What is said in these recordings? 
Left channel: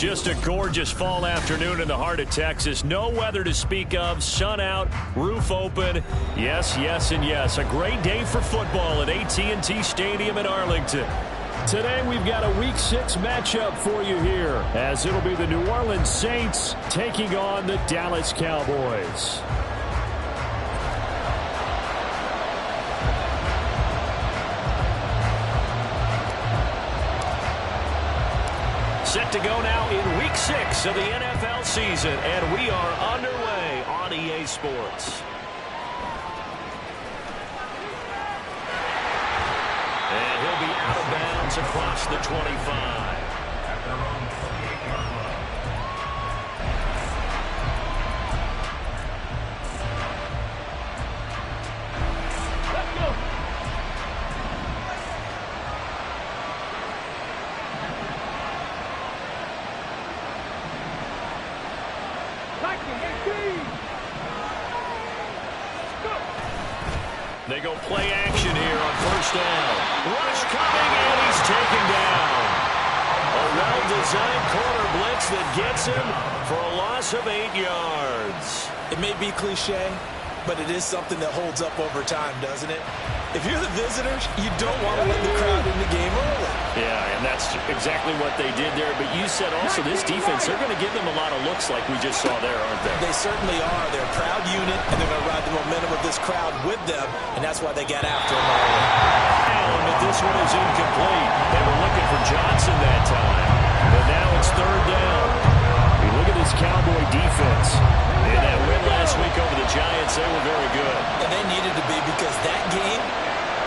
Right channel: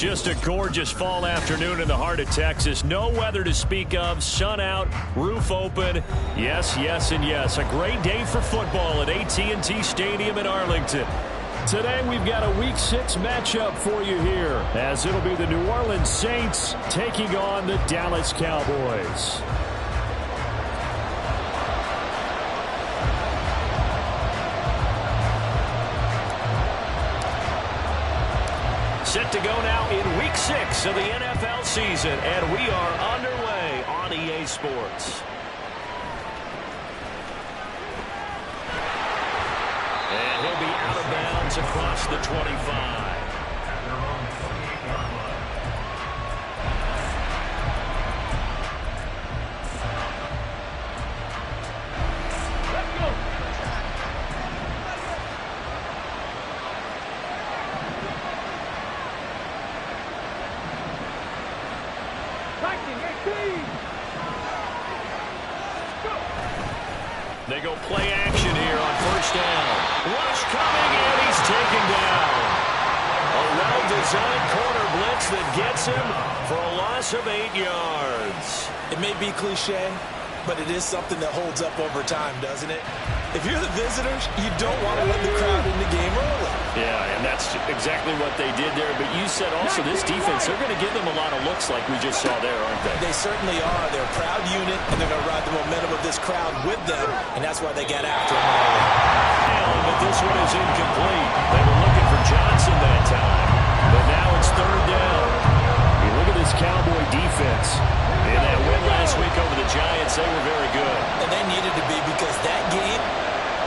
Just a gorgeous fall afternoon in the heart of Texas. No weather to speak of. Sun out, roof open. Yes, yes, and yes. A great day for football at AT&T Stadium in Arlington. Today we've got a Week 6 matchup for you here, as it'll be the New Orleans Saints taking on the Dallas Cowboys. Set to go now in Week 6 of the NFL season, and we are underway on EA Sports. And he'll be out of bounds across the 25. Let's go. They go play action here on first down. Rush coming, and he's taken down. A well-designed corner blitz that gets him for a loss of 8 yards. It may be cliche, but it is something that holds up over time, doesn't it? If you're the visitors, you don't want to let the crowd in the game early. Yeah, and that's exactly what they did there. But you said also this defense, they're going to give them a lot of looks like we just saw there, aren't they? They certainly are. They're a proud unit, and they're going to ride the momentum of this crowd with them, and that's why they got after him early. But this one is incomplete. They were looking for Johnson that time, but now it's third down. You look at this Cowboy defense. In that win last week over the Giants, they were very good. And they needed to be, because that game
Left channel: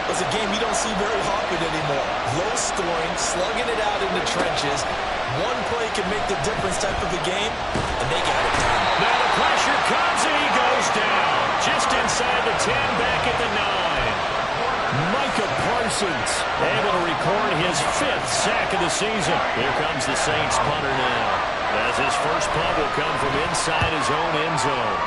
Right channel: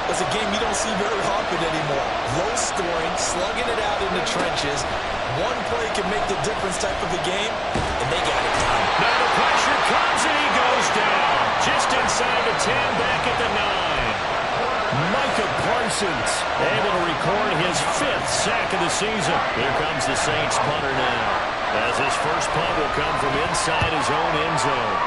was a game you don't see very often anymore. Low scoring, slugging it out in the trenches. One play can make the difference type of a game, and they got it done. Now the pressure comes, and he goes down. Just inside the 10, back at the 9. Micah Parsons able to record his 5th sack of the season. Here comes the Saints punter now, as his first punt will come from inside his own end zone.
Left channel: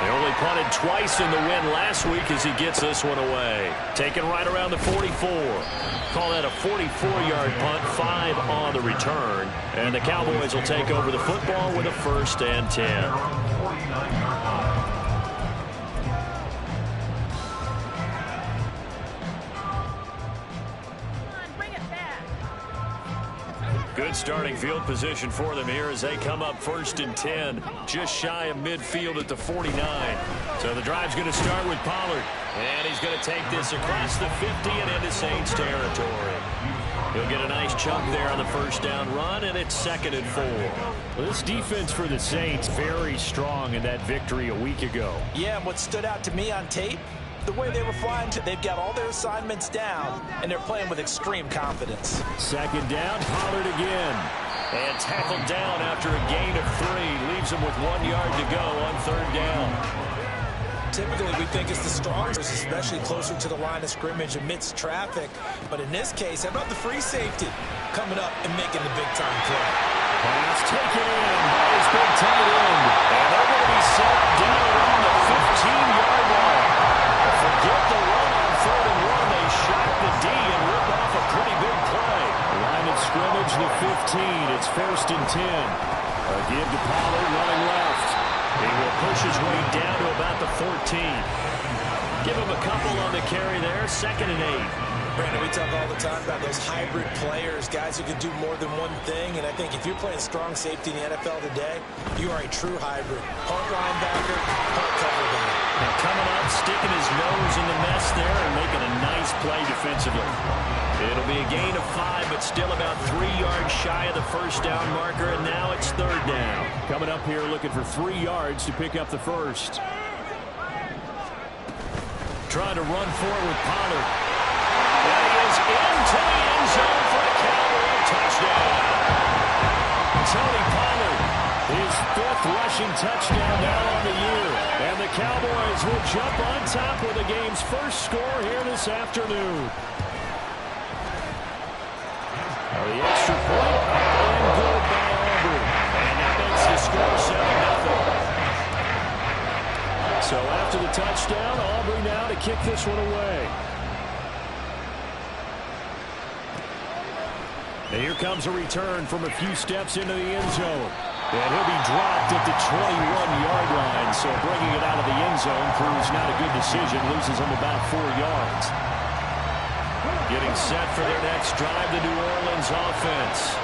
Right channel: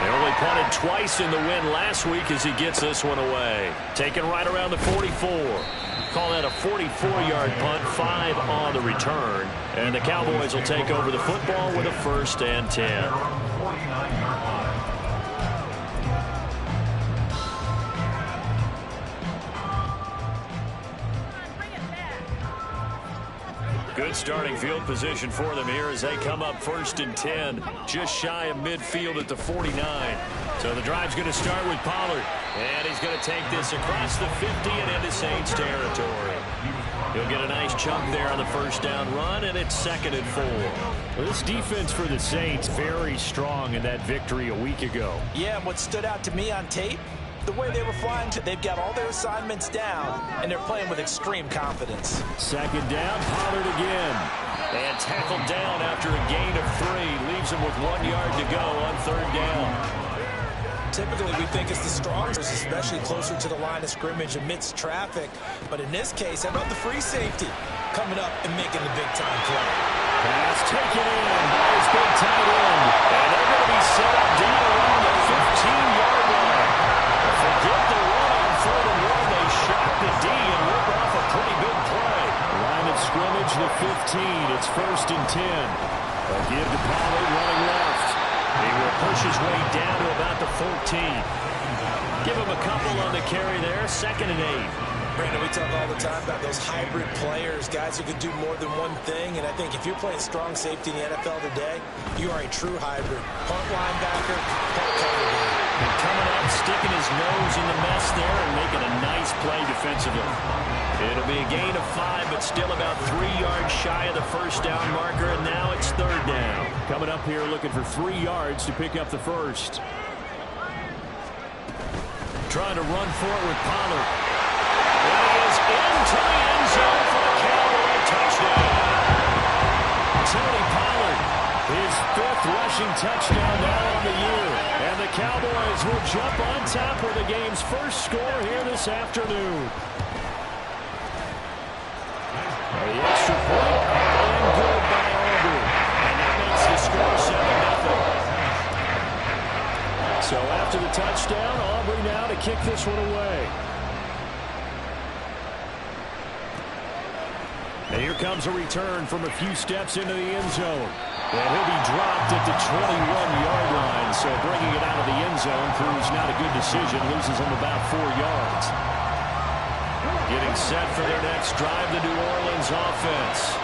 They only punted twice in the win last week as he gets this one away. Taken right around the 44. Call that a 44-yard punt, 5 on the return. And the Cowboys will take over the football with a 1st and 10. Good starting field position for them here as they come up 1st and 10, just shy of midfield at the 49. So the drive's going to start with Pollard, and he's going to take this across the 50 and into Saints territory. He'll get a nice chunk there on the first down run, and it's 2nd and 4. Well, this defense for the Saints, very strong in that victory a week ago. Yeah, and what stood out to me on tape, the way they were flying, they've got all their assignments down, and they're playing with extreme confidence. 2nd down, Pollard again. And tackled down after a gain of 3. Leaves him with 1 yard to go on 3rd down. Typically, we think it's the strongest, especially closer to the line of scrimmage amidst traffic. But in this case, how about the free safety coming up and making the big-time play? Pass taken in by his big tight end. And they're going to be set up down around the 15-yard line. Forget the run on 3rd and 1. They shock the D and rip off a pretty big play. Line of scrimmage, the 15. It's 1st and 10. A give to Pollard running left. He will push his way down to about the 14. Give him a couple on the carry there. 2nd and 8. Brandon, we talk all the time about those hybrid players, guys who can do more than one thing. And I think if you're playing strong safety in the NFL today, you are a true hybrid. Part linebacker, part cover guy. And coming up, sticking his nose in the mess there and making a nice play defensively. It'll be a gain of 5, but still about 3 yards shy of the first down marker, and now it's 3rd down. Coming up here looking for 3 yards to pick up the first. Trying to run forward with Pollard. And he is into the end zone for the Cowboy touchdown. Tony Pollard, his 5th rushing touchdown now on the year. And the Cowboys will jump on top with the game's first score here this afternoon. The extra point up and good by Aubrey. And that makes the score 7-0. So after the touchdown, Aubrey now to kick this one away. And here comes a return from a few steps into the end zone. And he'll be dropped at the 21-yard line. So bringing it out of the end zone proves not a good decision. Loses him about 4 yards. Getting set for their next drive, the New Orleans offense.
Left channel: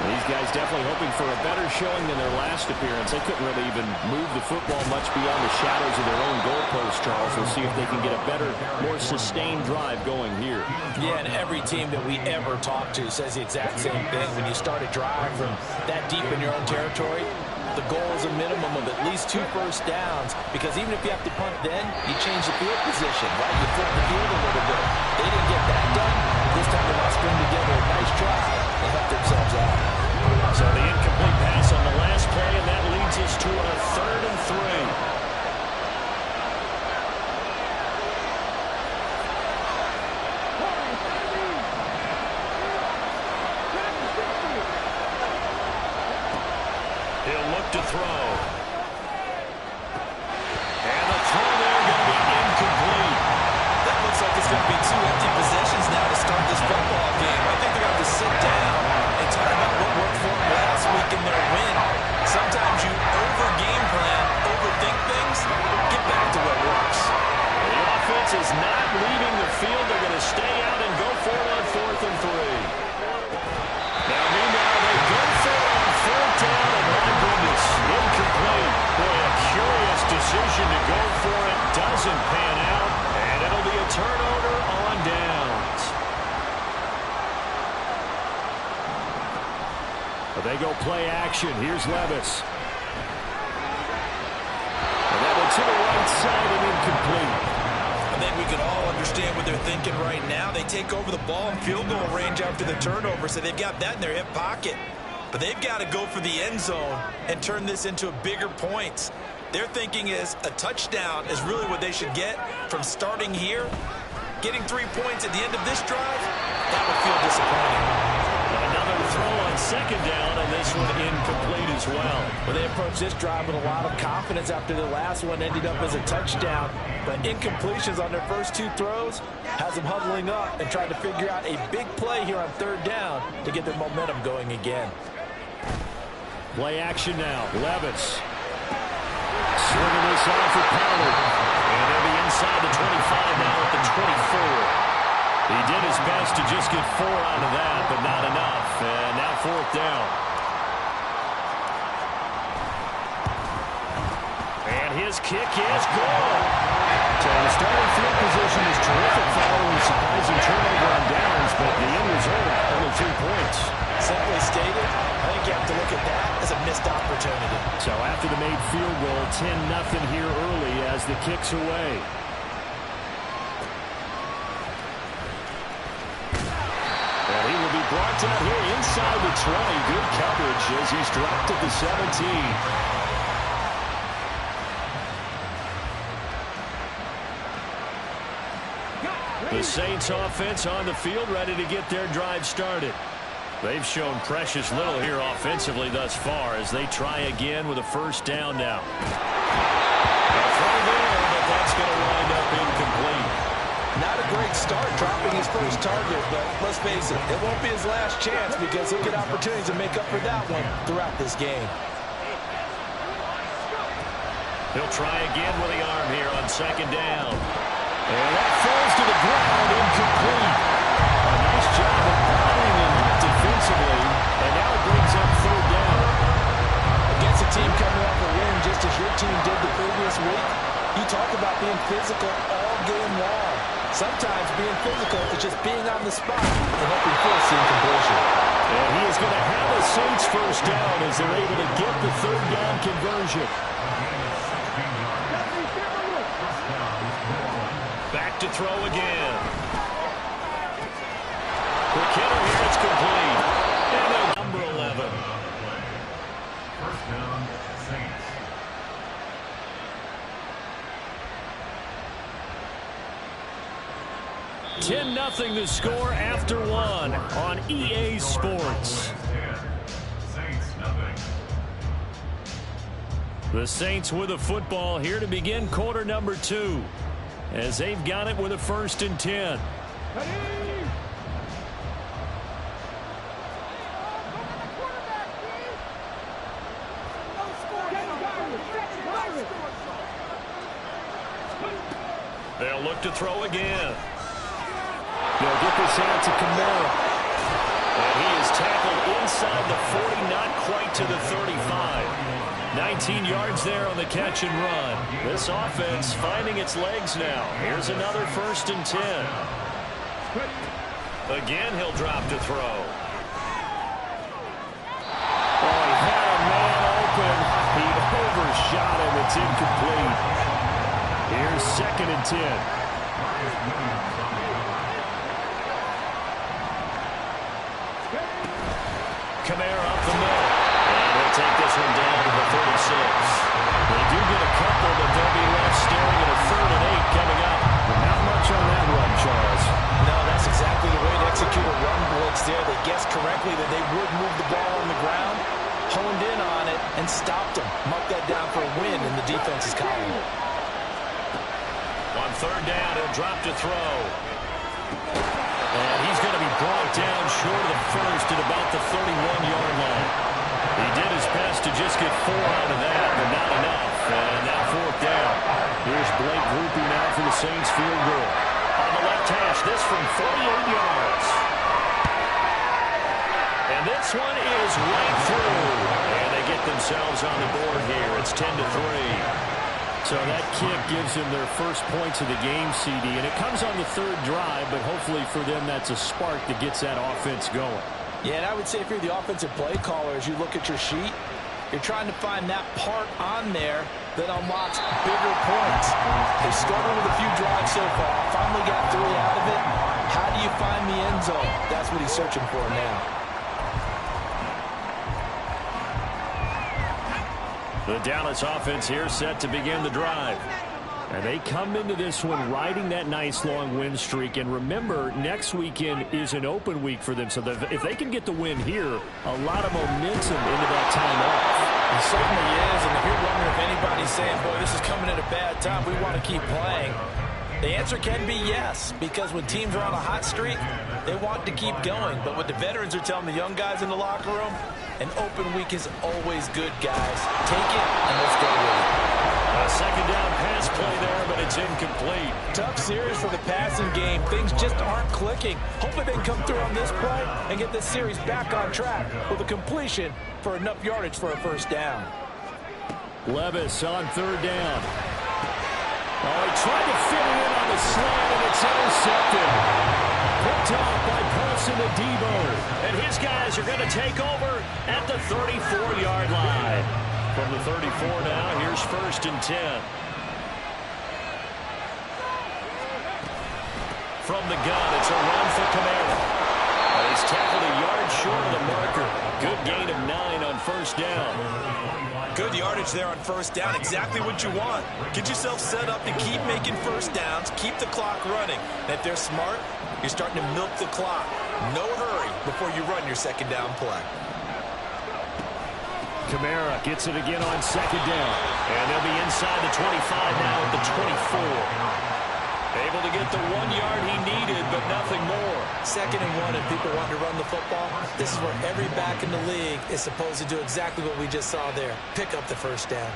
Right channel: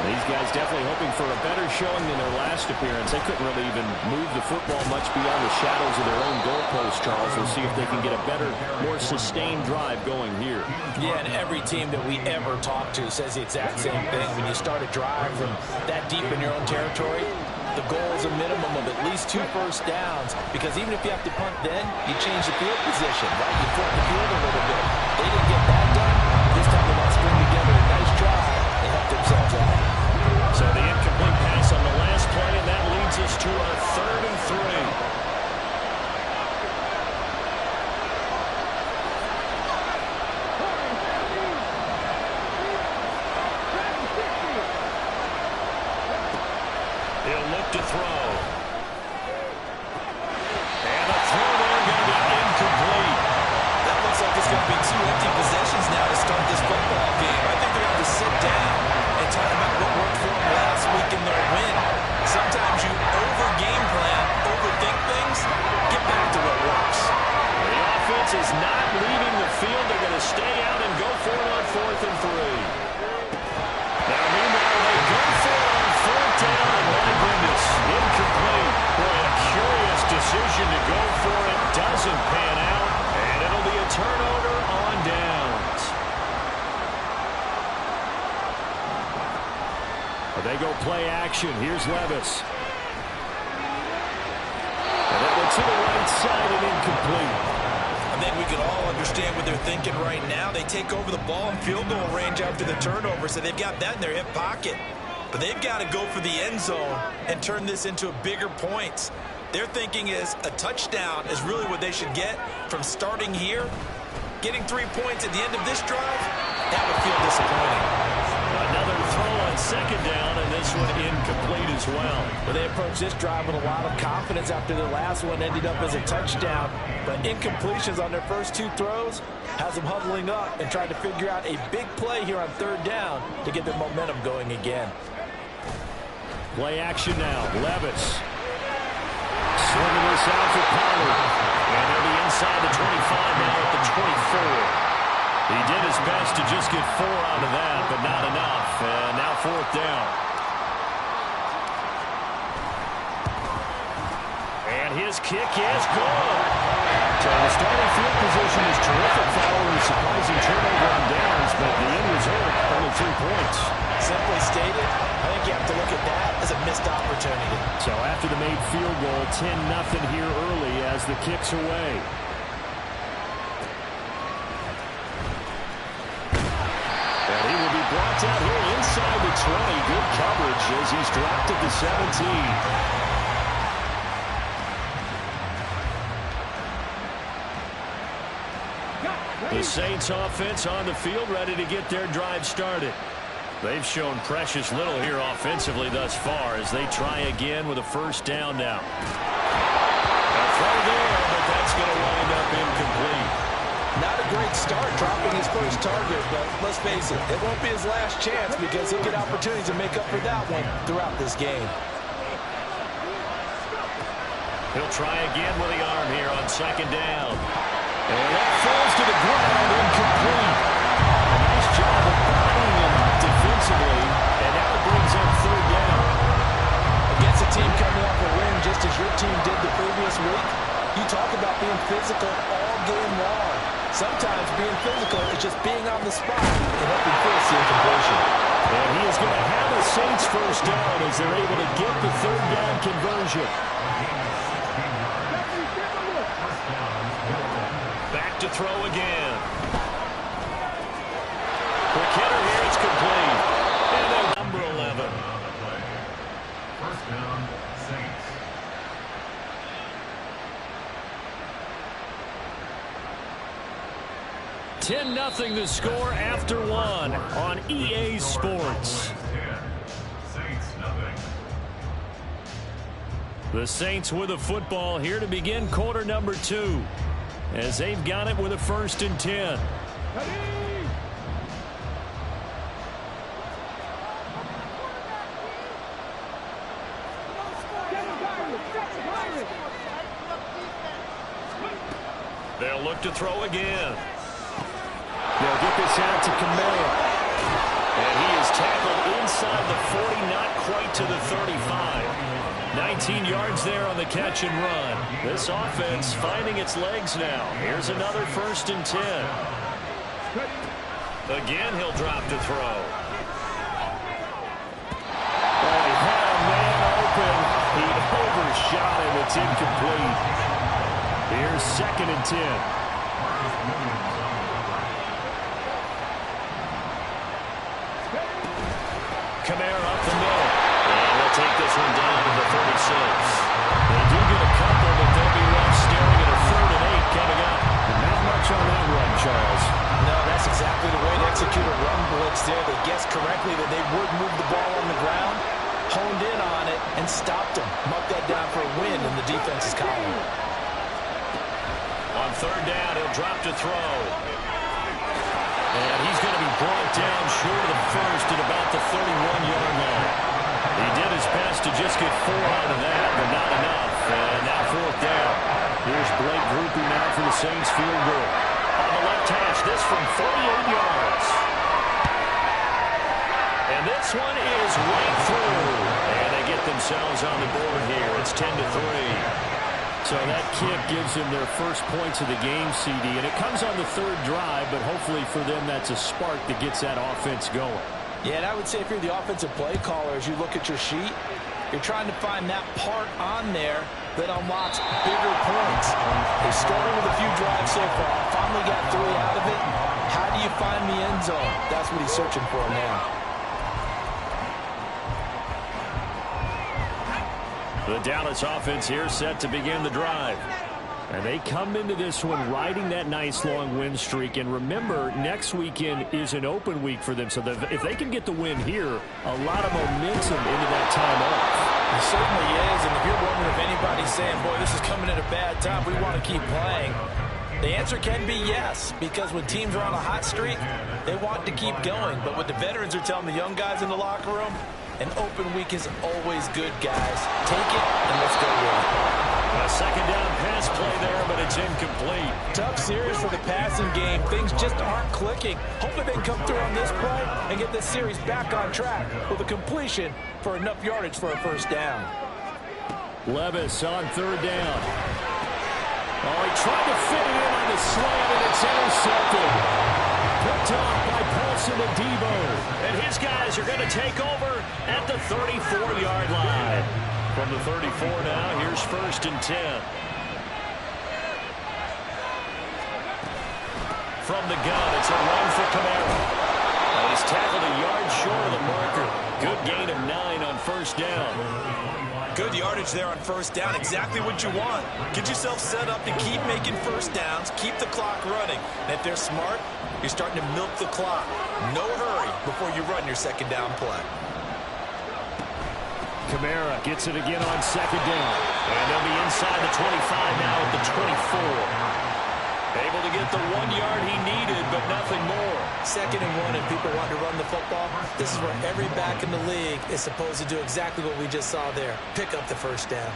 These guys definitely hoping for a better showing than their last appearance. They couldn't really even move the football much beyond the shadows of their own goalpost, Charles. We'll see if they can get a better, more sustained drive going here. Yeah, and every team that we ever talk to says the exact same thing. When you start a drive from that deep in your own territory, the goal is a minimum of at least 2 first downs, because even if you have to punt then, you change the field position, right? You flip the field a little bit. They didn't get that done. This time they want to string together a nice drive and help themselves out. So the incomplete pass on the last play, and that leads us to a 3rd and 3. He'll look to throw. And the throw there going to be incomplete. That looks like it's going to be 2 empty possessions now to start this football game. I think they're going to have to sit down and talk about what worked for them last week in their win. Sometimes you over-game plan, overthink things, get back to what works. The offense is not leaving the field. They're going to stay out and go for it on 4th and 3. Now, meanwhile, they go for it on 4th down, and my goodness, incomplete. Boy, a curious decision to go for it. Doesn't pan out, and it'll be a turnover on downs. They go play action. Here's Levis. And that one to the right side and incomplete. I think we can all understand what they're thinking right now. They take over the ball in field goal range after the turnover, so they've got that in their hip pocket. But they've got to go for the end zone and turn this into a bigger points. Their thinking is a touchdown is really what they should get from starting here. Getting 3 points at the end of this drive, that would feel disappointing. Another throw on 2nd down, and this one incomplete as well. Well, they approached this drive with a lot of confidence after the last one ended up as a touchdown. But incompletions on their first 2 throws has them huddling up and trying to figure out a big play here on 3rd down to get their momentum going again. Play action now. Levis. Swinging this out for Pollard. And they'll be inside the 25 now at the 24. He did his best to just get 4 out of that, but not enough. And now 4th down. And his kick is good. So the starting field position is terrific following a surprising turnover on downs, but the end result, only 3 points. Simply stated, I think you have to look at that as a missed opportunity. So after the made field goal, 10-0 here early as the kick's away. And he will be brought down here inside the 20. Good coverage as he's dropped at the 17. The Saints offense on the field ready to get their drive started. They've shown precious little here offensively thus far as they try again with a 1st down now. A throw there, but that's going to wind up incomplete. Not a great start dropping his first target, but let's face it, it won't be his last chance because he'll get opportunities to make up for that one throughout this game. He'll try again with the arm here on 2nd down. And that falls to the ground, incomplete. A nice job of bodying him up defensively, and now it brings up 3rd down. Against a team coming off a win just as your team did the previous week, you talk about being physical all game long. Sometimes being physical is just being on the spot and helping force the incompletion. And he is going to have a Saints 1st down as they're able to get the 3rd down conversion. Back to throw again. Quick hitter here, it's complete. And number 11. 1st down, Saints. 10-0 the score after 1 on EA Sports. The Saints with a football here to begin quarter number 2 as they've got it with a 1st and 10. They'll look to throw again. They'll get this out to Camara. And he is tackled inside the 40, not quite to the 35. 19 yards there on the catch and run. This offense finding its legs now. Here's another 1st and 10. Again, he'll drop to throw. Oh, he had a man open. He overshot him. It's incomplete. Here's 2nd and 10. Camara up the middle. And he'll take this one down to the 36. They do get a couple, but they'll be left staring at a 3rd and 8 coming up. Not much on that run, Charles. No, that's exactly the way to execute a run blitz there. They guessed correctly that they would move the ball on the ground, honed in on it, and stopped them. Mucked that down for a win in the defense's column. On 3rd down, he'll drop to throw. And he's going to be brought down short of the 1st at about the 31-yard line. He did his best to just get 4 out of that, but not enough. And now 4th down. Here's Blake Groupie now for the Saints field goal. On the left hash, this from 48 yards. And this one is right through. And they get themselves on the board here. It's 10-3. So that kick gives them their first points of the game, CD. And it comes on the 3rd drive, but hopefully for them that's a spark that gets that offense going. Yeah, and I would say if you're the offensive play caller, as you look at your sheet, you're trying to find that part on there that unlocks bigger points. They started with a few drives so far, finally got 3 out of it. How do you find the end zone? That's what he's searching for now. The Dallas offense here set to begin the drive. And they come into this one riding that nice long win streak. And remember, next weekend is an open week for them. So if they can get the win here, a lot of momentum into that time off. It certainly is. And if you're wondering if anybody's saying, boy, this is coming at a bad time, we want to keep playing, the answer can be yes. Because when teams are on a hot streak, they want to keep going. But what the veterans are telling the young guys in the locker room, an open week is always good, guys. Take it and let's go with it. A 2nd down pass play there, but it's incomplete. Tough series for the passing game. Things just aren't clicking. Hopefully they can come through on this play and get this series back on track with a completion for enough yardage for a 1st down. Levis on 3rd down. Oh, he tried to fit it in on the slant, and it's intercepted. Picked off by Paulson Adebo. And his guys are going to take over at the 34-yard line. From the 34 now, here's 1st and 10. From the gun, it's a run for Camara. And he's tackled a yard short of the marker. Good gain of 9 on 1st down. Good yardage there on 1st down. Exactly what you want. Get yourself set up to keep making 1st downs. Keep the clock running. And if they're smart, you're starting to milk the clock. No hurry before you run your 2nd down play. Camara gets it again on 2nd down. And they'll be inside the 25 now at the 24. Able to get the 1 yard he needed, but nothing more. 2nd and 1, and people want to run the football. This is where every back in the league is supposed to do exactly what we just saw there. Pick up the 1st down.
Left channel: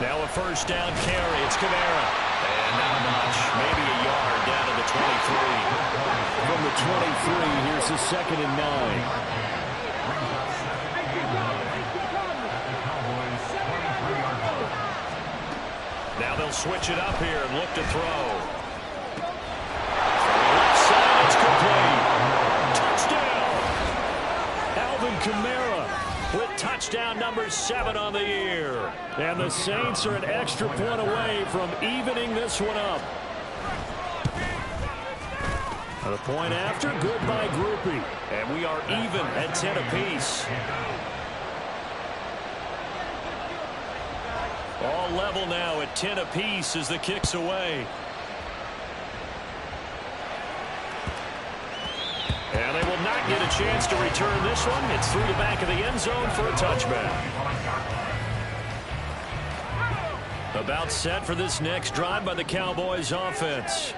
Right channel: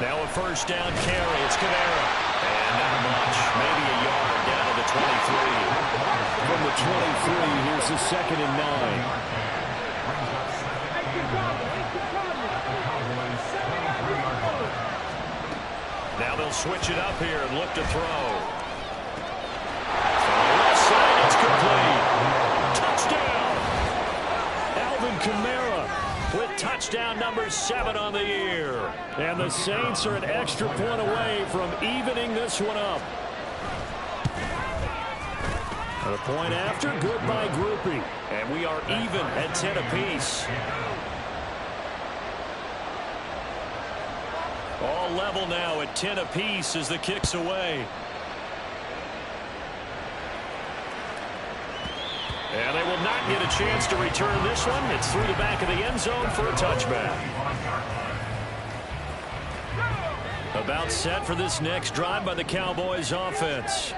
Now a 1st down carry. It's Camara. And not much. Maybe a yard down to the 23. From the 23, here's the 2nd and 9. Now they'll switch it up here and look to throw. From the left side, it's complete. Touchdown! Alvin Kamara with touchdown number 7 on the year. And the Saints are an extra point away from evening this one up. A point after, good by Groupie. And we are even at 10 apiece. All level now at 10 apiece as the kick's away. And they will not get a chance to return this one. It's through the back of the end zone for a touchback. About set for this next drive by the Cowboys offense.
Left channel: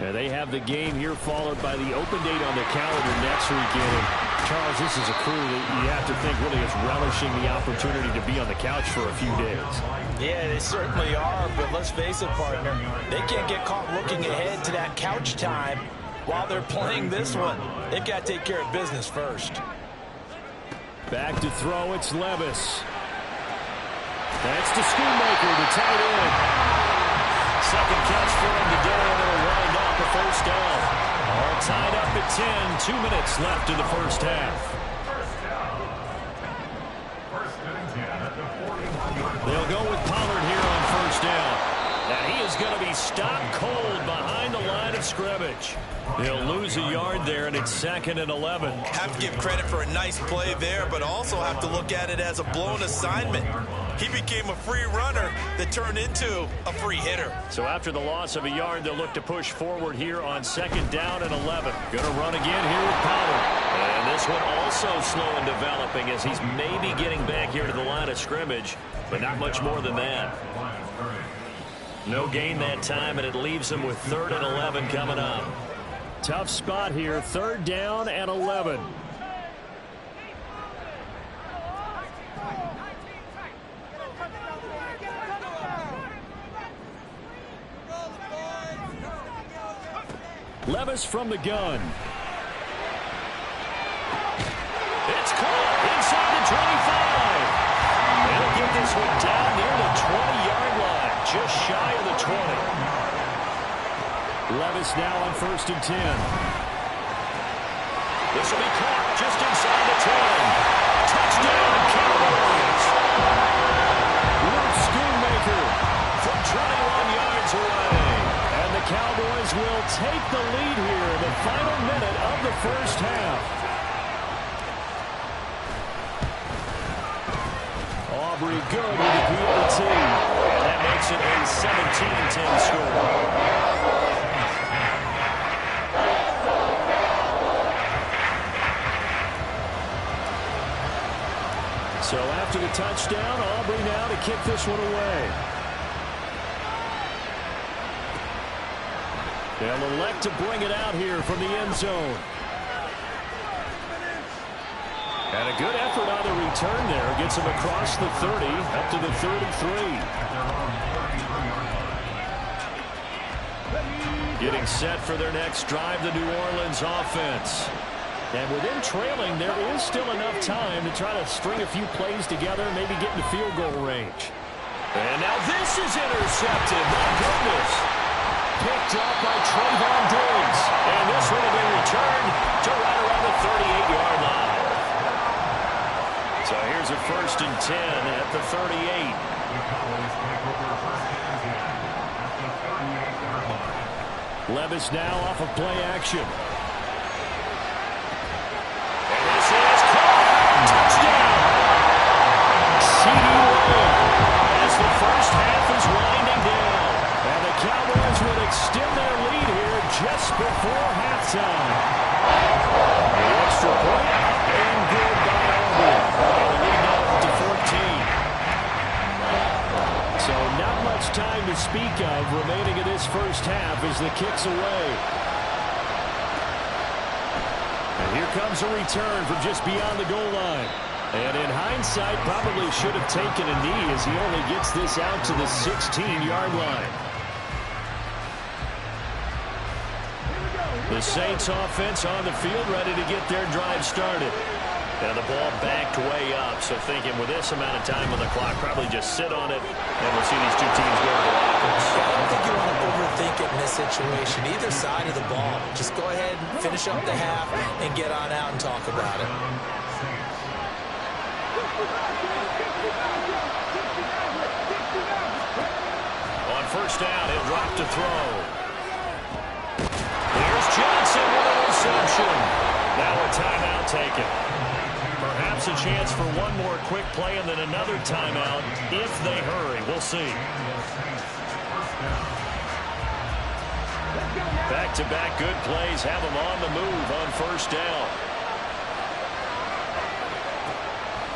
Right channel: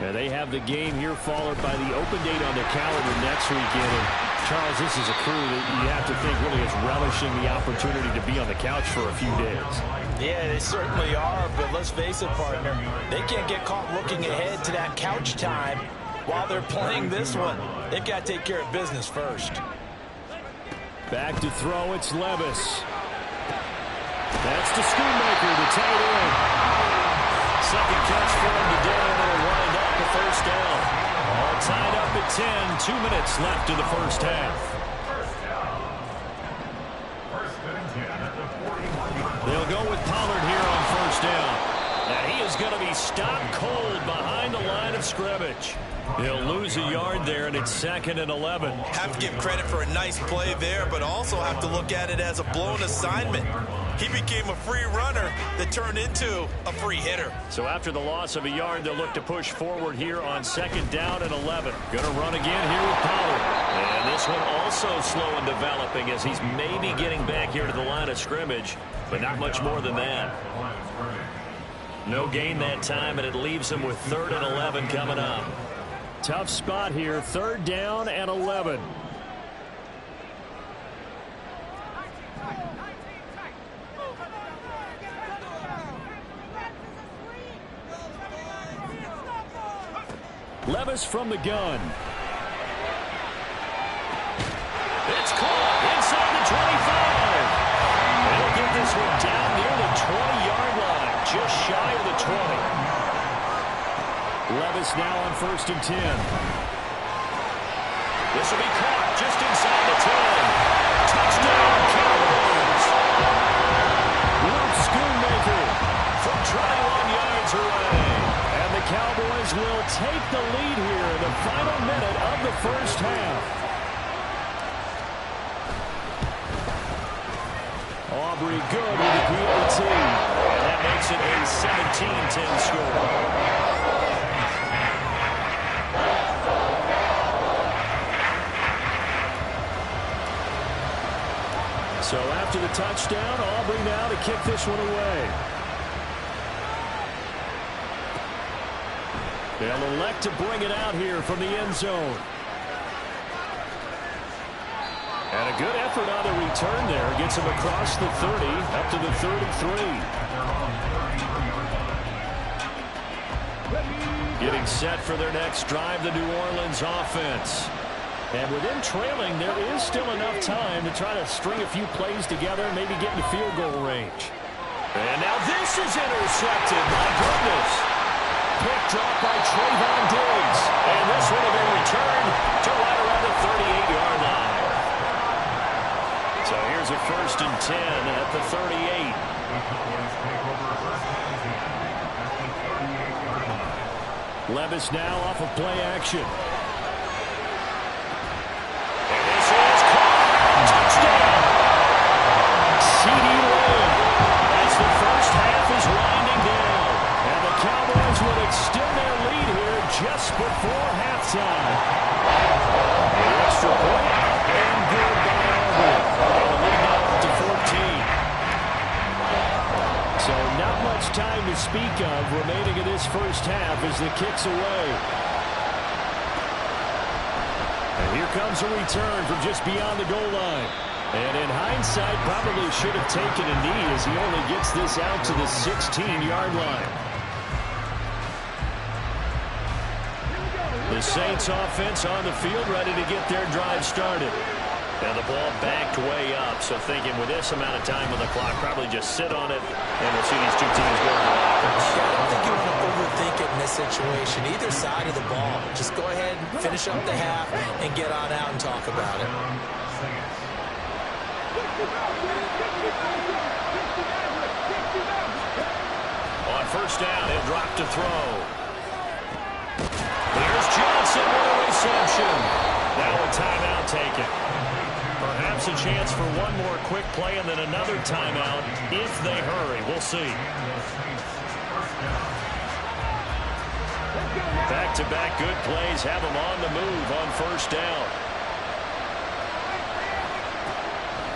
And they have the game here followed by the open date on their calendar next weekend. And Charles, this is a crew that you have to think really is relishing the opportunity to be on the couch for a few days. Yeah, they certainly are, but let's face it, partner. They can't get caught looking ahead to that couch time while they're playing this one. They've got to take care of business first. Back to throw, it's Levis. That's to Schoonmaker, the tight end. Second catch for him today, and it'll wind up a first down. All tied up at 10. 2 minutes left in the first half. First down. First and 10 at the 41-yard line. They'll go with Pollard here on first down. And he is going to be stopped cold behind the line of scrimmage. He'll lose a yard there, and it's 2nd and 11. Have to give credit for a nice play there, but also have to look at it as a blown assignment. He became a free runner that turned into a free hitter. So after the loss of a yard, they'll look to push forward here on 2nd down and 11. Going to run again here with Pollard. And this one also slow in developing as he's maybe getting back here to the line of scrimmage, but not much more than that. No gain that time, and it leaves him with 3rd and 11 coming up. Tough spot here, 3rd down and 11. Levis from the gun. It's caught inside the 25. They'll get this one down near the 20-yard line, just shy of the 20. Levis now on 1st and 10. This will be caught just inside the 10. Touchdown, Cowboys. Luke Schoonmaker from 21 yards away. And the Cowboys will take the lead here in the final minute of the first half. Aubrey good with the PAT. And that makes it a 17-10 score. So after the touchdown, Aubrey now to kick this one away. They'll elect to bring it out here from the end zone. And a good effort on the return there. Gets him across the 30, up to the 33. Getting set for their next drive, the New Orleans offense. And with them trailing, there is still enough time to try to string a few plays together, maybe get into field goal range. And now this is intercepted. My goodness. Picked off by Trayvon Diggs. And this one will be returned to right around the 38-yard line. So here's a 1st and 10 at the 38. The Cowboys take over 1st and 10 at the 38-yard line. Levis now off of play action. And this is caught. Touchdown. C.D. Lamb as the first half is winding down. And the Cowboys will extend their lead here just before halftime. The extra point up and good by Auburn. And the lead now up to 14. So not much time to speak of remaining in this first half as the kick's away. And here comes a return from just beyond the goal line. And in hindsight, probably should have taken a knee as he only gets this out to the 16-yard line. The Saints offense on the field ready to get their drive started. And the ball backed way up, so thinking with this amount of time on the clock, probably just sit on it, and we'll see these two teams go to the lockers. Yeah, I don't think you want to overthink it in this situation, either side of the ball. Just go ahead and finish up the half and get on out and talk about it. On first down, he'll drop to throw. Here's Johnson with a reception. Now a timeout taken. Perhaps a chance for one more quick play and then another timeout if they hurry. We'll see. Back-to-back good plays have them on the move on first down.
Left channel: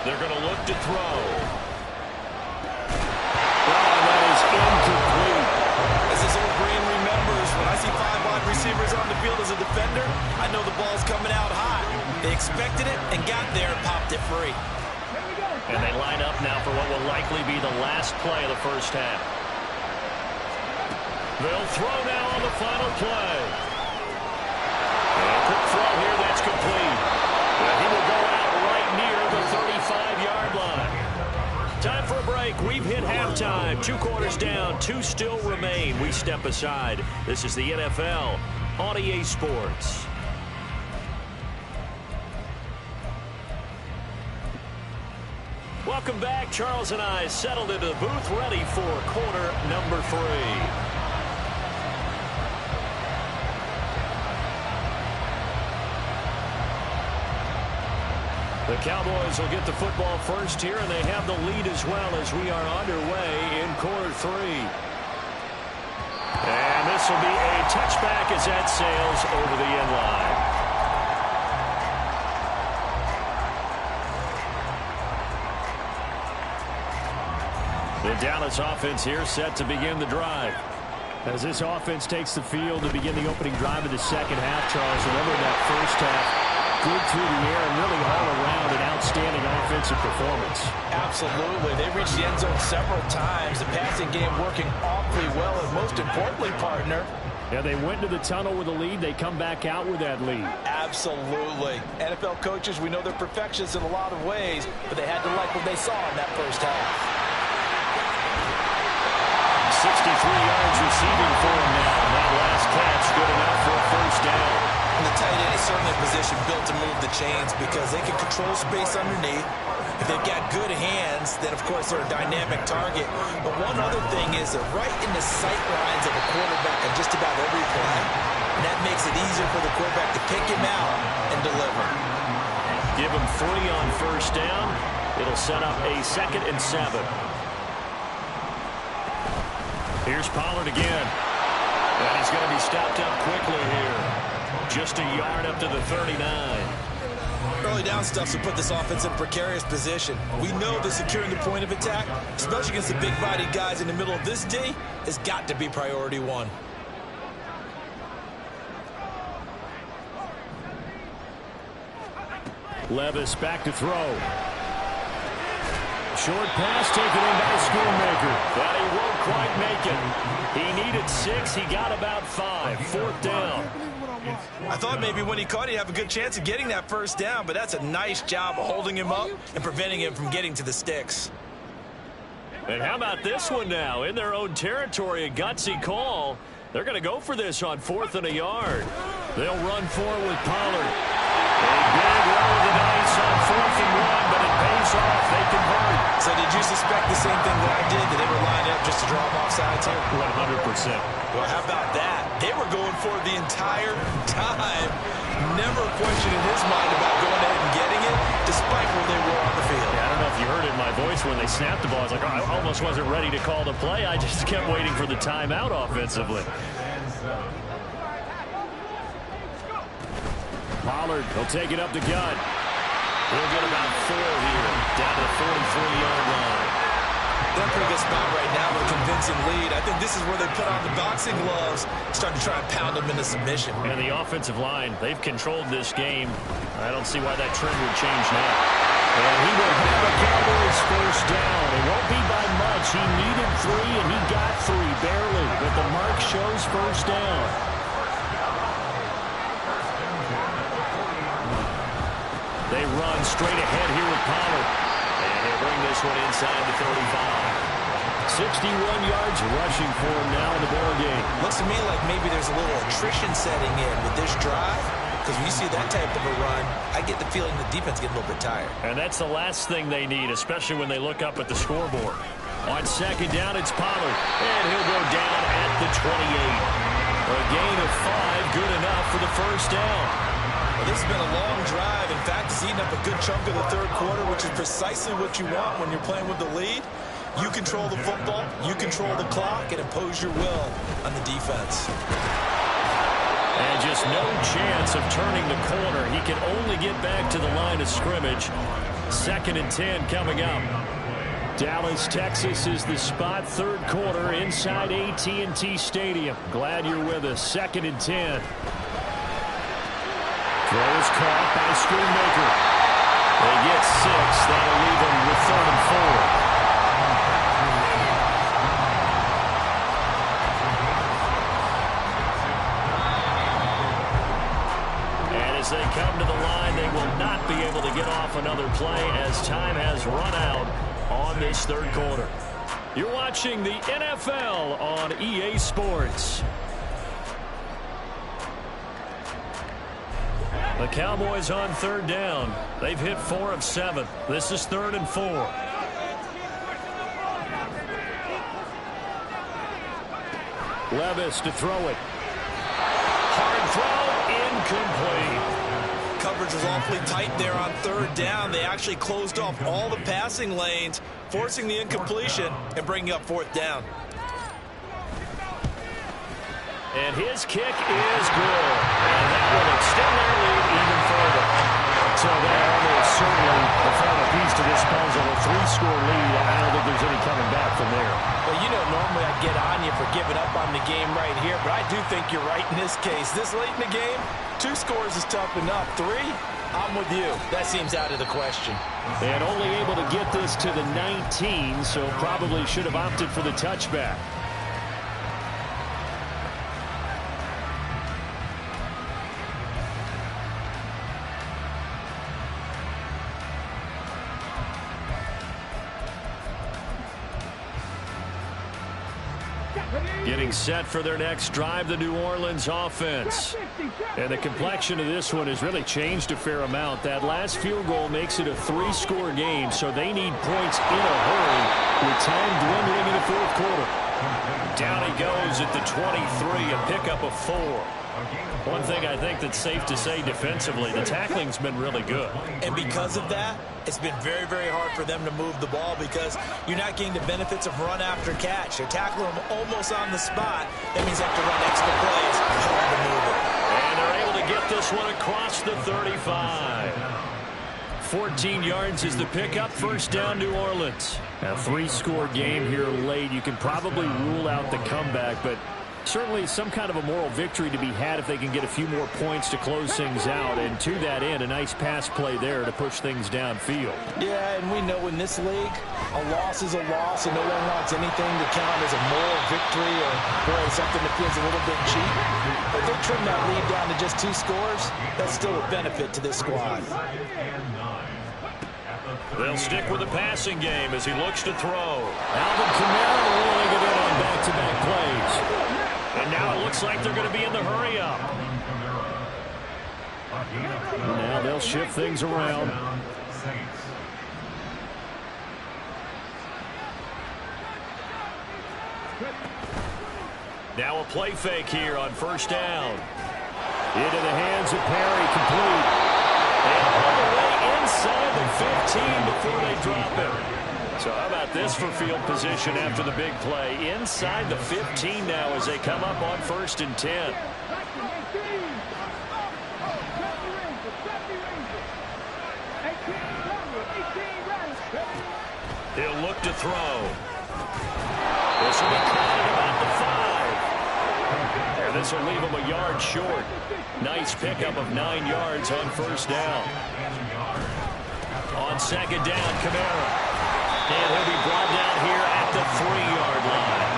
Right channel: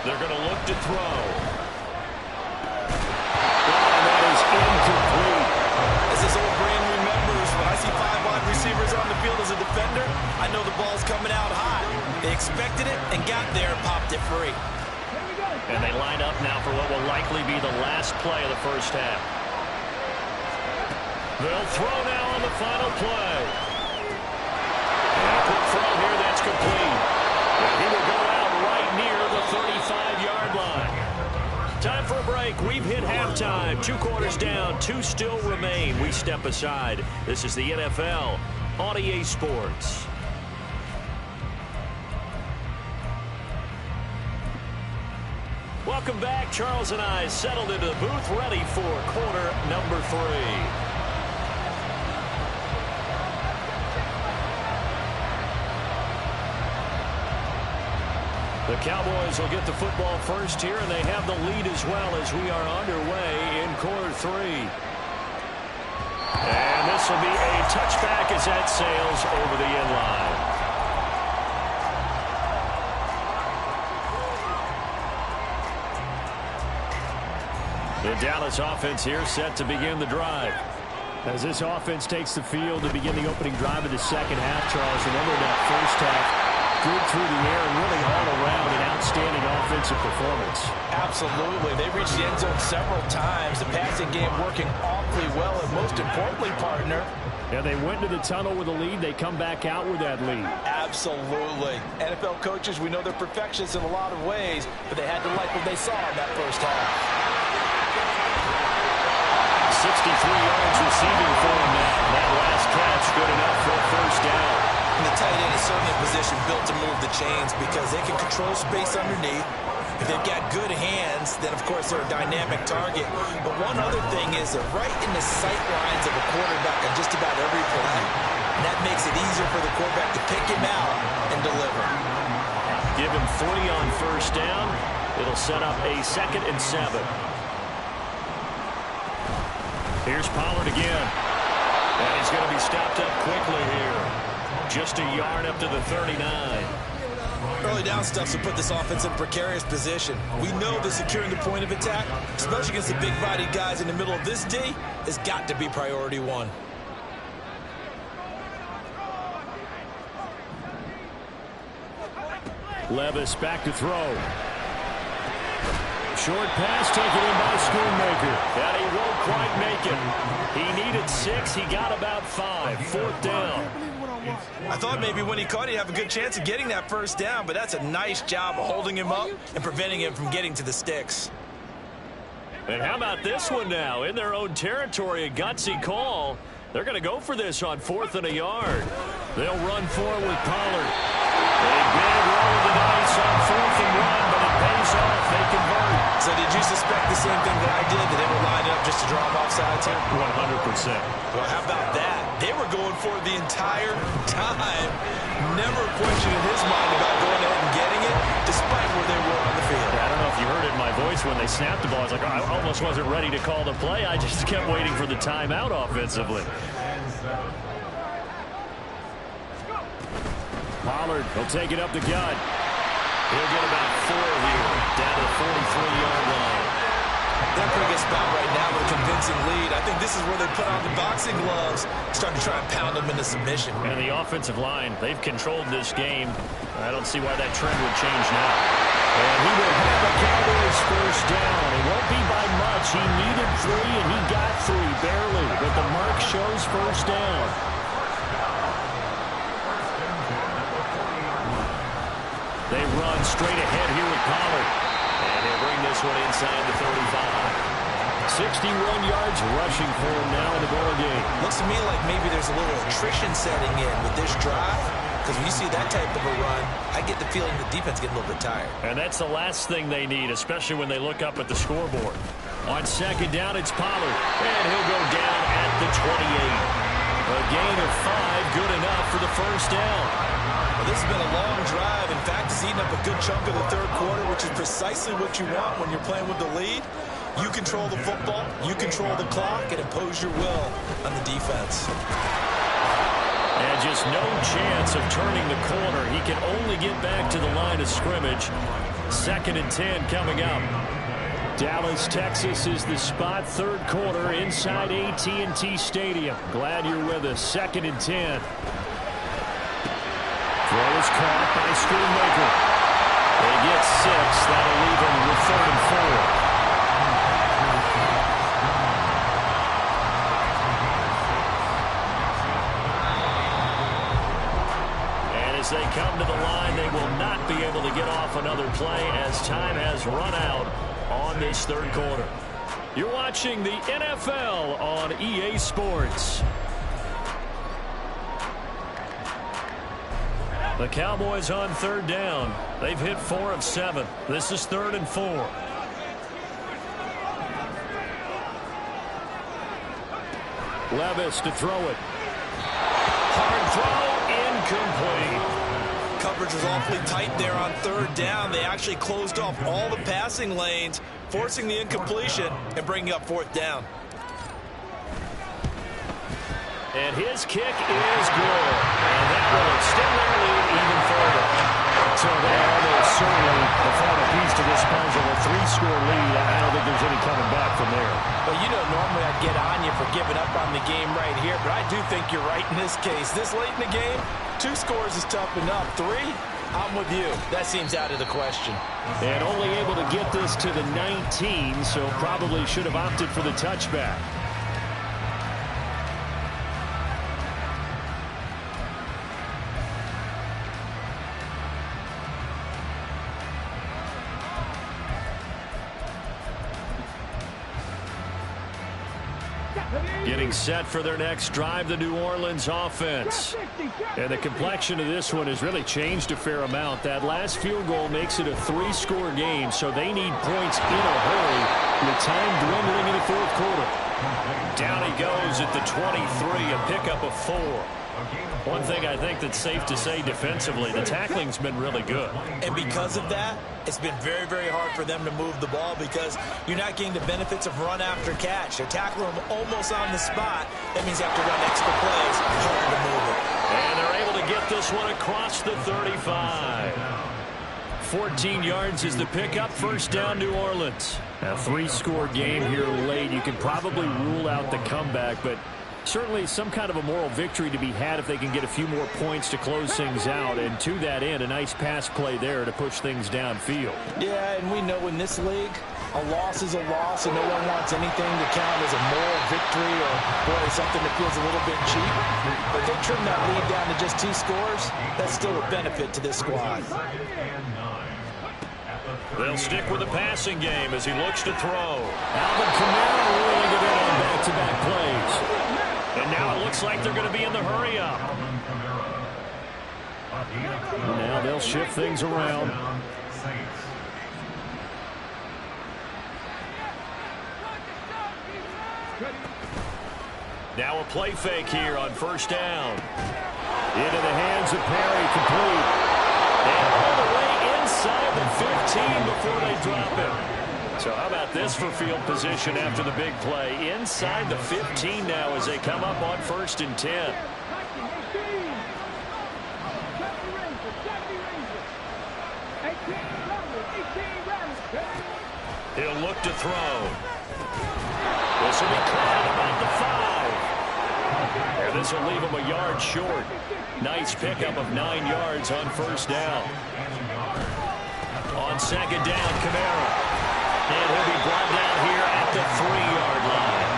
They're going to look to throw. Oh, that is incomplete. As his old brain remembers, when I see 5 wide receivers on the field as a defender, I know the ball's coming out hot. They expected it and got there and popped it free. And they line up now for what will likely be the last play of the first half. They'll throw now on the final play. And a quick throw here, that's complete. And he will go out right near the 35-yard line. Time for a break. We've hit halftime. 2 quarters down, 2 still remain. We step aside. This is the NFL on EA Sports. Welcome back. Charles and I settled into the booth, ready for quarter number 3. The Cowboys will get the football first here, and they have the lead as well as we are underway in quarter 3. And this will be a touchback as that sails over the end line. The Dallas offense here set to begin the drive. As this offense takes the field to begin the opening drive of the second half, Charles, remember that first half, good through the air and really all around an outstanding offensive performance. Absolutely. They reached the end zone several times. The passing game working awfully well, and most importantly, partner, yeah, they went to the tunnel with a lead. They come back out with that lead. Absolutely. NFL coaches, we know they're perfectionists in a lot of ways, but they had to like what they saw in that first half. 63 yards receiving for him now. That last catch good enough for a first down. And the tight end is certainly a position built to move the chains because they can control space underneath. If they've got good hands, then, of course, they're a dynamic target. But one other thing is they're right in the sight lines of a quarterback on just about every play. And that makes it easier for the quarterback to pick him out and deliver. Give him 3 on first down. It'll set up a 2nd and 7. Here's Pollard again. And he's going to be stopped up quickly here. Just a yard up to the 39. Early down stuff will put this offense in a precarious position. We know that securing the point of attack, especially against the big-bodied guys in the middle of this D, has got to be priority 1. Levis back to throw. Short pass taken in by Schoonmaker. That he won't quite make it. He needed 6. He got about 5. 4th down. I thought maybe when he caught, he'd have a good chance of getting that first down, but that's a nice job of holding him up and preventing him from getting to the sticks. And how about this one now? In their own territory, a gutsy call. They're going to go for this on 4th and a yard. They'll run for it with Pollard. A big roll of the dice on 4th and 1, but it pays off. They convert. So did you suspect the same thing that I did, that they were lining up just to draw him off sides here? 100%. Well, how about that? They were going for it the entire time. Never a question in his mind about going ahead and getting it, despite where they were on the field. Yeah, I don't know if you heard it in my voice when they snapped the ball. I was like, oh, I almost wasn't ready to call the play. I just kept waiting for the timeout offensively. Pollard, he'll take it up the gut. He'll get about 4 here, down to the 43-yard line. They're in a pretty good spot right now with a convincing lead. I think this is where they put on the boxing gloves, start to try and pound them into submission. And the offensive line, they've controlled this game. I don't see why that trend would change now. And he will have a Cowboys first down. It won't be by much. He needed 3, and he got 3, barely. But the mark shows first down. They run straight ahead here with Pollard. And he'll bring this one inside the 35. 61 yards rushing for him now in the ball game. Looks to me like maybe there's a little attrition setting in with this drive. Because when you see that type of a run, I get the feeling the defense getting a little bit tired. And that's the last thing they need, especially when they look up at the scoreboard. On 2nd down, it's Pollard. And he'll go down at the 28. A gain of 5, good enough for the first down. Well, this has been a long drive. In fact, it's eaten up a good chunk of the 3rd quarter, which is precisely what you want when you're playing with the lead. You control the football, you control the clock, and impose your will on the defense. And just no chance of turning the corner. He can only get back to the line of scrimmage. 2nd and 10 coming up. Dallas, Texas is the spot. Third quarter inside AT&T Stadium. Glad you're with us. 2nd and 10. Throw is caught by Schoonmaker. They get 6. That'll leave them with 3rd and 4. And as they come to the line, they will not be able to get off another play as time has run out on this third quarter. You're watching the NFL on EA Sports. The Cowboys on 3rd down. They've hit 4 of 7. This is 3rd and 4. Levis to throw it. Hard throw, incomplete. Coverage was awfully tight there on 3rd down. They actually closed off all the passing lanes, forcing the incompletion and bringing up 4th down. And his kick is good. And that will extend their lead even further. So they almost certainly the final piece to this puzzle, a 3-score lead. I don't think there's any coming back from there. Well, you know, normally I'd get on you for giving up on the game right here, but I do think you're right in this case. This late in the game, 2 scores is tough enough. 3, I'm with you. That seems out of the question. And only able to get this to the 19, so probably should have opted for the touchback. Getting set for their next drive, the New Orleans offense. And the complexion of this one has really changed a fair amount. That last field goal makes it a 3-score game, so they need points in a hurry with time dwindling in the 4th quarter. Down he goes at the 23, a pickup of 4. One thing I think that's safe to say defensively, the tackling's been really good. And because of that, it's been very, very hard for them to move the ball because you're not getting the benefits of run after catch. They're tackling them almost on the spot. That means you have to run extra plays, hard to move it. And they're able to get this one across the 35. 14 yards is the pickup. 1st down, New Orleans. A 3-score game here late. You can probably rule out the comeback, but certainly some kind of a moral victory to be had if they can get a few more points to close things out. And to that end, a nice pass play there to push things downfield. Yeah, and we know in this league, a loss is a loss, and no one wants anything to count as a moral victory or, boy, something that feels a little bit cheap. But if they trim that lead down to just 2 scores, that's still a benefit to this squad. They'll stick with the passing game as he looks to throw. Alvin Kamara rolling it in on back-to-back plays. And now it looks like they're going to be in the hurry-up. Now they'll shift things around. Now a play fake here on 1st down. Into the hands of Perry, complete. And all the way inside the 15 before they drop it. So how about this for field position after the big play? Inside the 15 now as they come up on 1st and 10. He'll look to throw. This will be caught at about the 5. And this will leave him a yard short. Nice pickup of 9 yards on 1st down. On 2nd down, Kamara. And he'll be brought down here at the 3-yard line.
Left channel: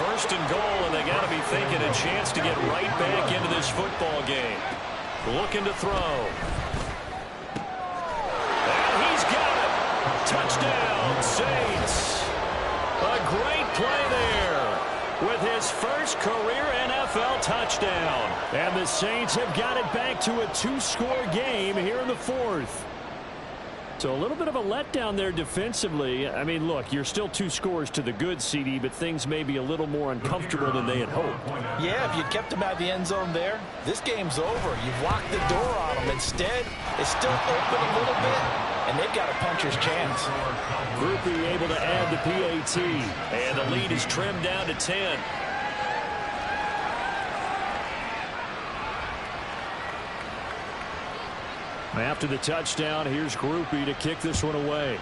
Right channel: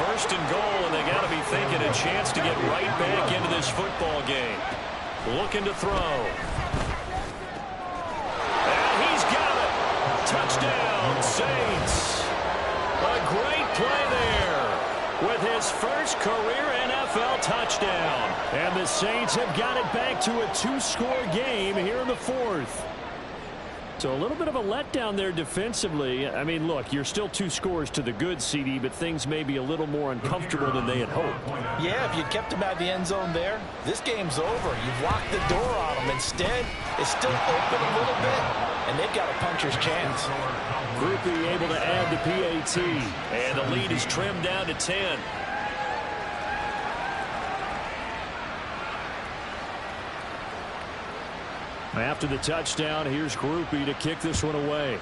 1st and goal, and they got to be thinking a chance to get right back into this football game. Looking to throw. And he's got it. Touchdown, Saints. A great play there with his first career NFL touchdown. And the Saints have got it back to a 2-score game here in the 4th. So a little bit of a letdown there defensively. I mean, look, you're still 2 scores to the good, CD, but things may be a little more uncomfortable than they had hoped. Yeah, if you'd kept them out of the end zone there, this game's over. You've locked the door on them. Instead, it's still open a little bit, and they've got a puncher's chance. Groupie able to add the PAT, and the lead is trimmed down to 10. After the touchdown, here's Groupie to kick this one away.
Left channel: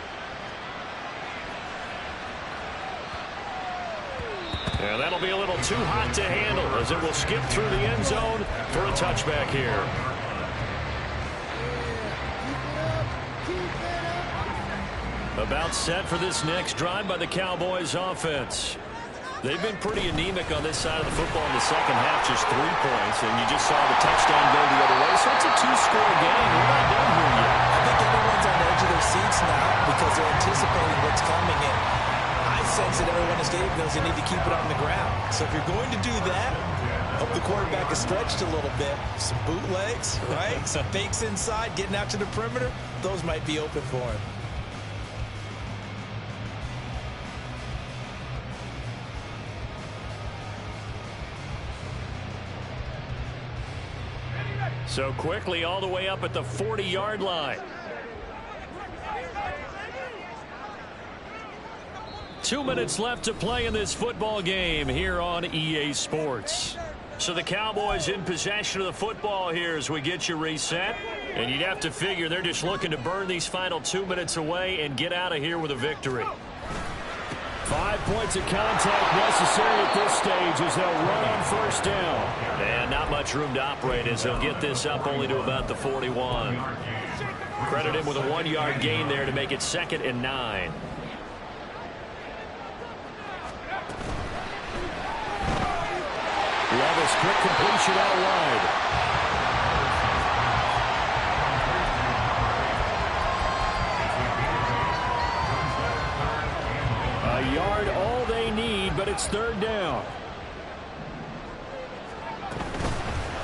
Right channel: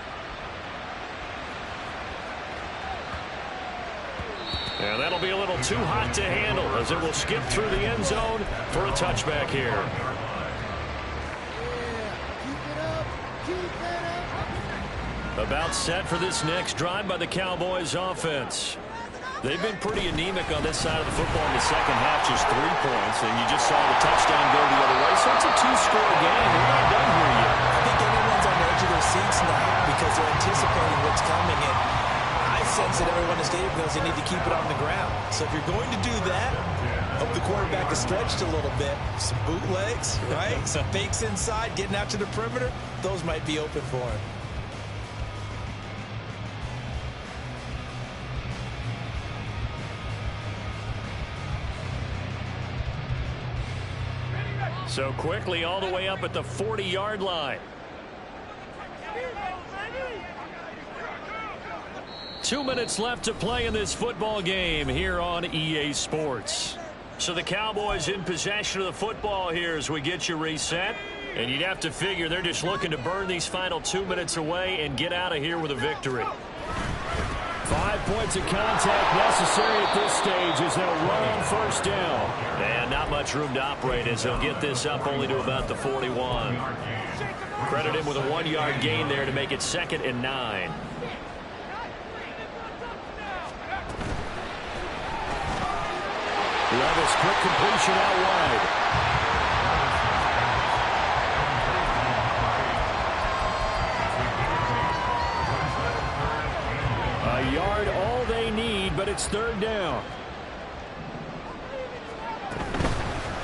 And that'll be a little too hot to handle as it will skip through the end zone for a touchback here. About set for this next drive by the Cowboys offense. They've been pretty anemic on this side of the football in the second half, just 3 points, and you just saw the touchdown go the other way. So it's a 2-score game. We're not done here yet. I think everyone's on the edge of their seats now because they're anticipating what's coming, and I sense that everyone in the stadium knows they need to keep it on the ground. So if you're going to do that, hope the quarterback is stretched a little bit. Some bootlegs, right? Some fakes inside, getting out to the perimeter. Those might be open for him. So quickly all the way up at the 40-yard line. 2 minutes left to play in this football game here on EA Sports. So the Cowboys in possession of the football here as we get you reset. And you'd have to figure they're just looking to burn these final 2 minutes away and get out of here with a victory. 5 points of contact necessary at this stage as they'll run on first down. And not much room to operate as they'll get this up only to about the 41. Credit him with a 1-yard gain there to make it 2nd and 9. Levis, quick completion out wide. A yard all they need, but it's 3rd down.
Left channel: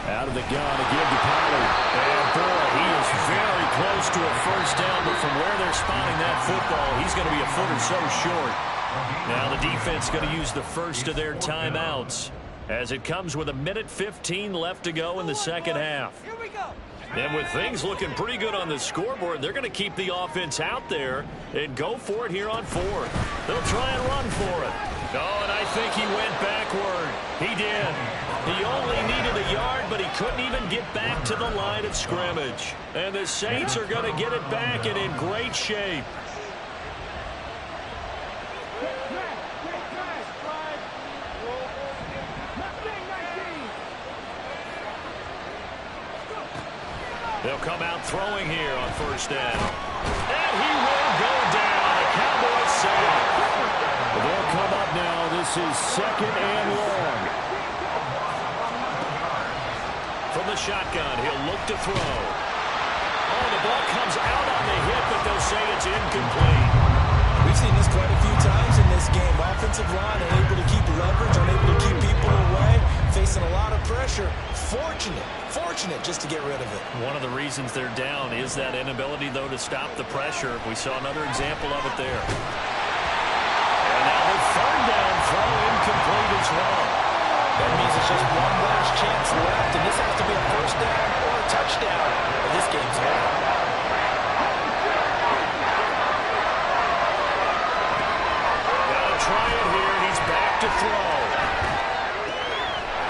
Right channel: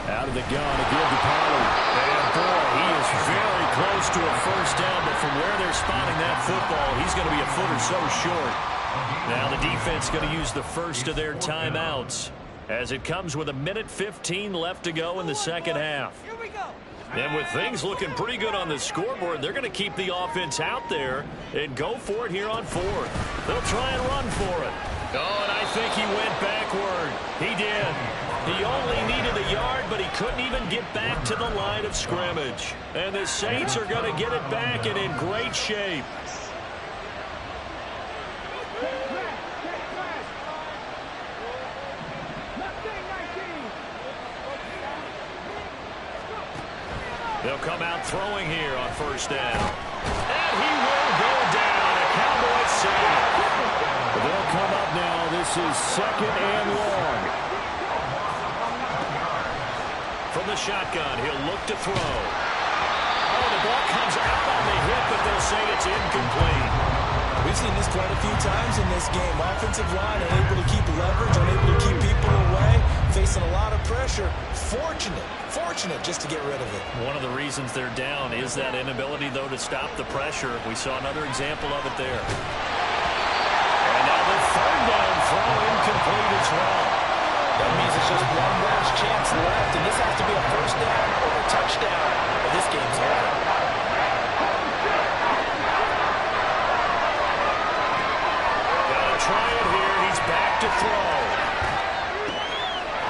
Out of the gun to give to Pollard. And boy, he is very close to a first down, but from where they're spotting that football, he's going to be a foot or so short. Now the defense going to use the first of their timeouts as it comes with 1:15 left to go in the second half. Here we go. And with things looking pretty good on the scoreboard, they're going to keep the offense out there and go for it here on 4th. They'll try and run for it. Oh, and I think he went backward. He did. He only needed a yard, but he couldn't even get back to the line of scrimmage. And the Saints are going to get it back and in great shape. They'll come out throwing here on first down. And he will go down. A Cowboys sack. They'll come up now. This is 2nd and long. From the shotgun, he'll look to throw. Oh, the ball comes out on the hit, but they'll say it's incomplete. We've seen this quite a few times in this game. Offensive line unable to keep leverage, unable to keep people away, facing a lot of pressure. Fortunate just to get rid of it. One of the reasons they're down is that inability, though, to stop the pressure. We saw another example of it there. And now the 3rd down throw incomplete as well. That means it's just one last chance left, and this has to be a first down or a touchdown, or this game's over. Try it here. He's back to throw.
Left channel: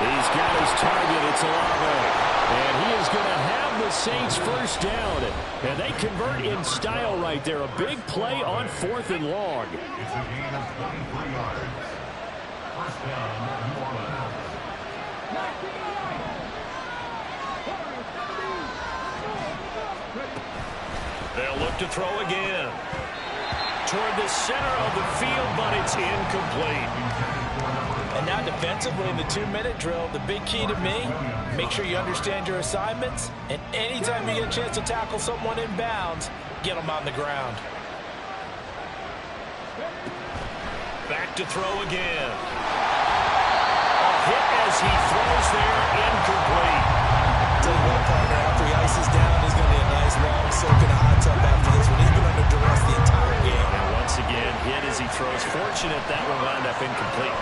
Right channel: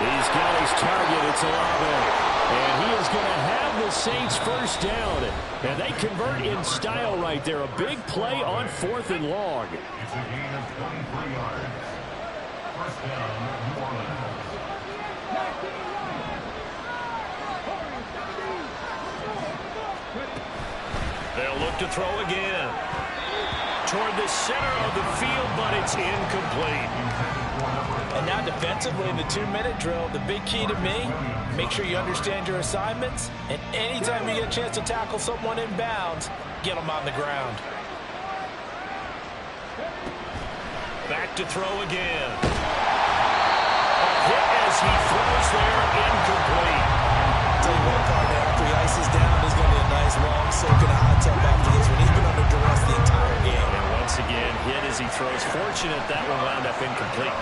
He's got his target. It's Olave. And he is going to have the Saints first down. And they convert in style right there. A big play on 4th and long. It's a gain of 23 yards. First down, New Orleans. They'll look to throw again. Toward the center of the field, but it's incomplete. And now defensively in the 2-minute drill, the big key to me, make sure you understand your assignments, and anytime you get a chance to tackle someone in bounds, get them on the ground. Back to throw again. A hit as he throws there, incomplete. Tell you what, partner, after he ices down, there's going to be a nice long soak in a hot tub after this one. He's been under duress the entire game. And once again, hit as he throws. Fortunate that one wound up incomplete.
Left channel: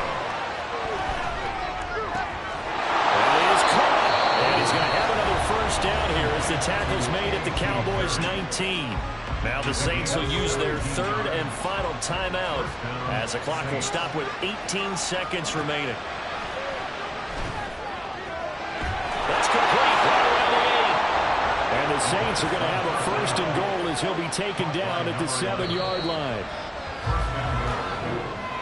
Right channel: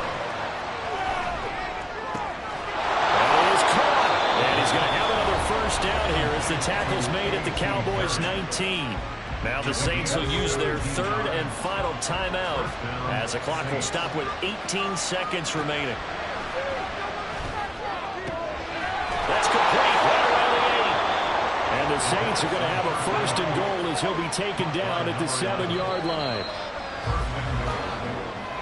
And it is caught. And he's going to have another first down here as the tackle's made at the Cowboys 19. Now the Saints will use their 3rd and final timeout as the clock will stop with 18 seconds remaining. That's complete, right around the 8. And the Saints are going to have a 1st and goal as he'll be taken down at the 7-yard line.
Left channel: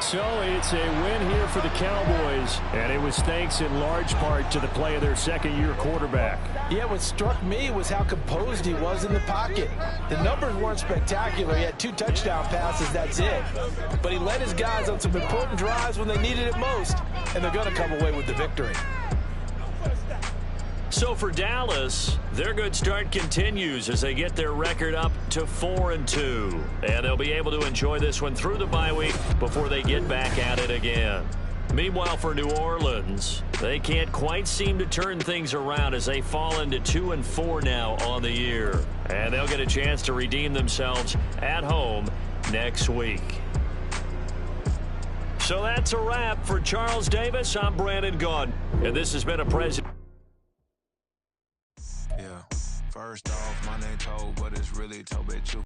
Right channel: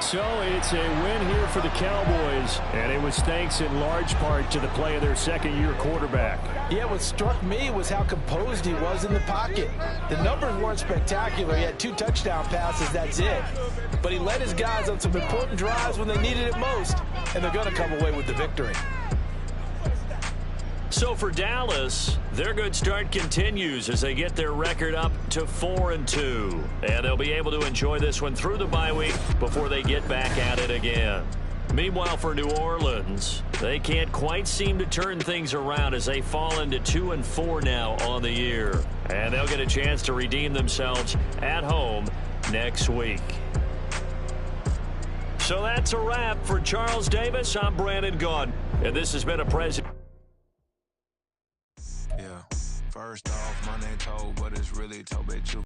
So it's a win here for the Cowboys, and it was thanks in large part to the play of their second-year quarterback. Yeah, what struck me was how composed he was in the pocket. The numbers weren't spectacular. He had 2 touchdown passes, that's it. But he led his guys on some important drives when they needed it most, and they're going to come away with the victory. So for Dallas, their good start continues as they get their record up to 4-2. And they'll be able to enjoy this one through the bye week before they get back at it again. Meanwhile, for New Orleans, they can't quite seem to turn things around as they fall into 2-4 now on the year. And they'll get a chance to redeem themselves at home next week. So that's a wrap for Charles Davis. I'm Brandon Gaudin, and this has been a President. Yeah, first off, my name Toe, but it's really Toe, bitch.